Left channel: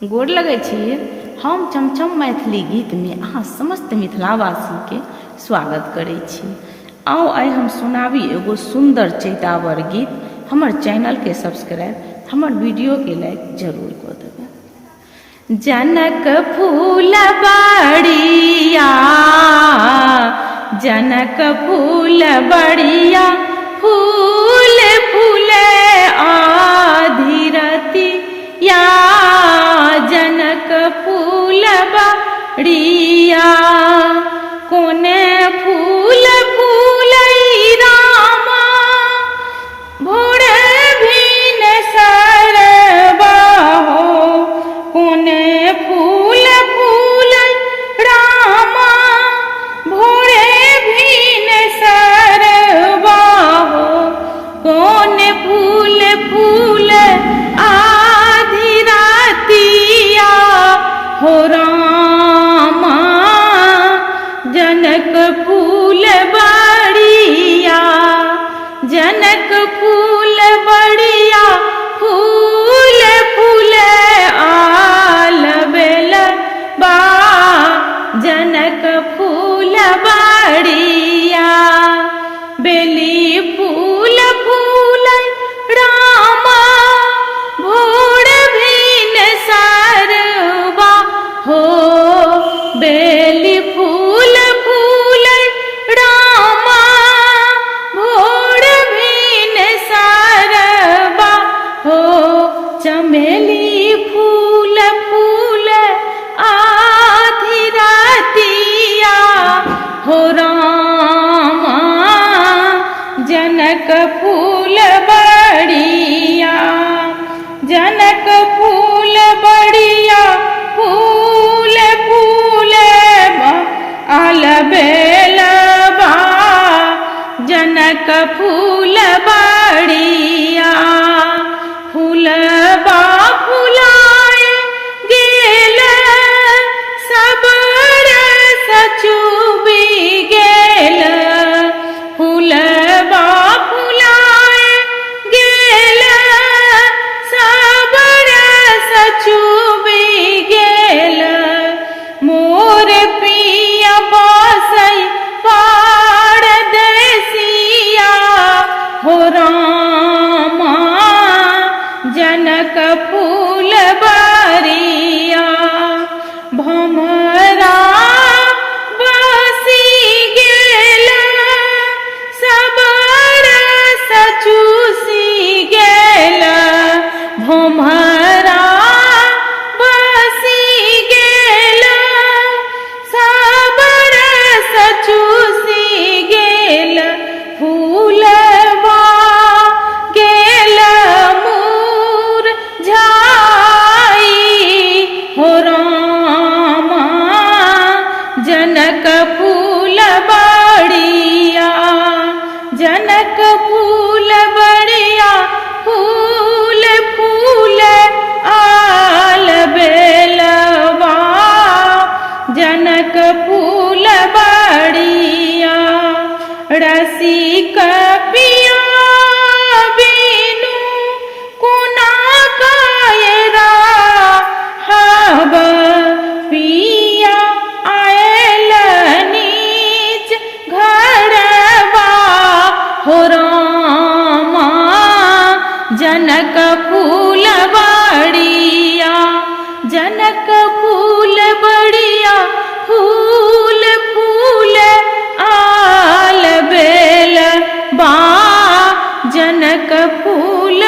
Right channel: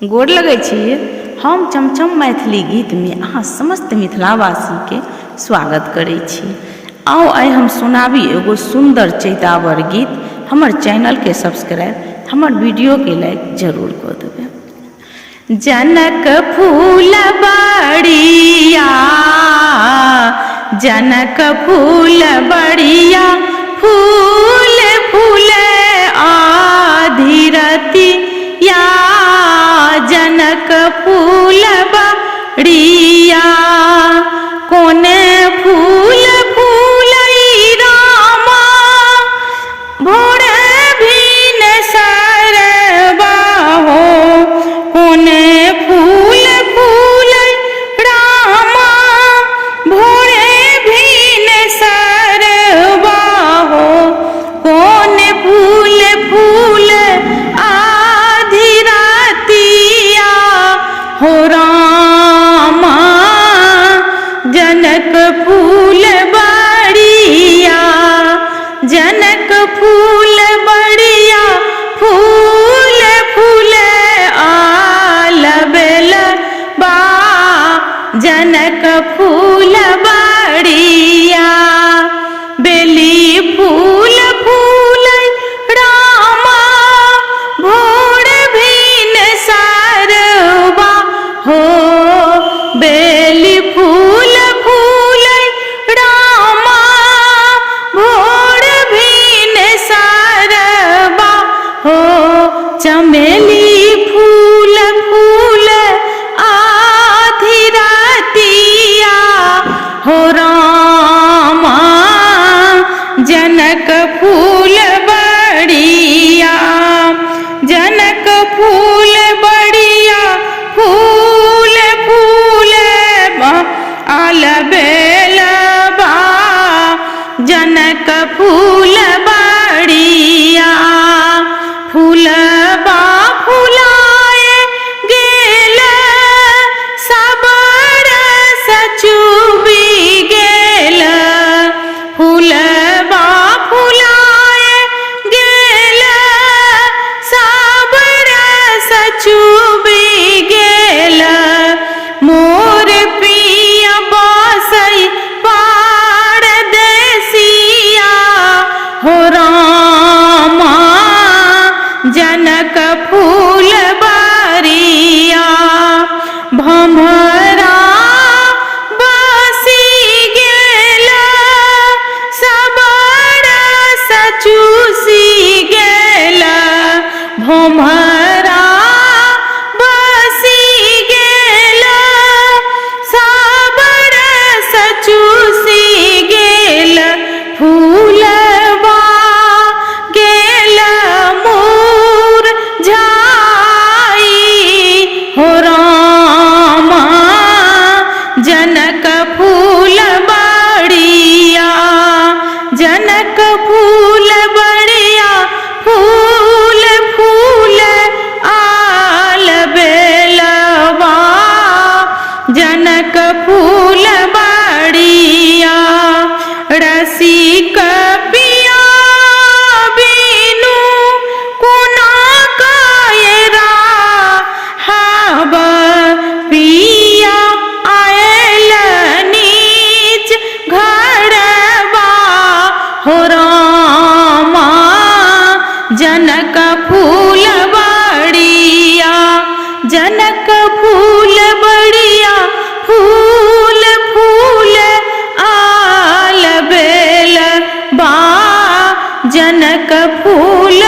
गोर लगै छी। हम चमचम मैथिली गीत में अहाँ समस्त मिथिलावासी के स्वागत करै छी। आओ आइ हम सुनाबी एगो सुंदर चैतावर गीत। हमर चैनल के सब्सक्राइब, हमर वीडियो के लाइक जरूर कर देबै। जनक फूल बड़िया, जनक फूल बड़िया, फूल फूले आधिरतिया, जनक फूल बड़िया, कोने फूल फूलई रामा, भोरे भीन सरबा हो, कोने फूल फूलई रामा, भोरे भीन सरबा हो, कोने फूल फूल आधी रातिया हो रामा, जनक फूल बड़िया, जनक फूल बड़िया, फूल फूल आल बेल बा, जनक फूल बड़िया, बेली फूल फूल रामा, भोर भीन सरबा हो, बेली फूल फूल रामा, भोर भीन सरबा हो, चमेली फूल फूल आधी रातिया हो रामा, जनक फूल बड़िया, जनक फूल बड़िया, फूल फूल आल बेल बा, जनक फूल बड़िया, फूल बा फुलाए गेल, सब रस चूबी गेल, फूल बा फुलाए गेल, सब रस चूबी गेल, मोर पिया बासई परदेसिया हो रामा, जनक फूल बड़िया, भमरा बसी गेल, सब रस चूसी गेल, भमरा बसी गेल, सब रस चूसी गेल, फूलबा गेल मुरझाई हो रामा, जनक फूल बड़िया, जनक फूल बड़िया, फूल फूल आल बेलबा, जनक फूल बड़िया, रसिक पिया बिनु कुना कायरा हब, पिया आयल नीच घरबा हो रामा, जनक फूल बड़िया, जनक फूल बड़िया, फूल फूल आल बेल बा, जनक फूल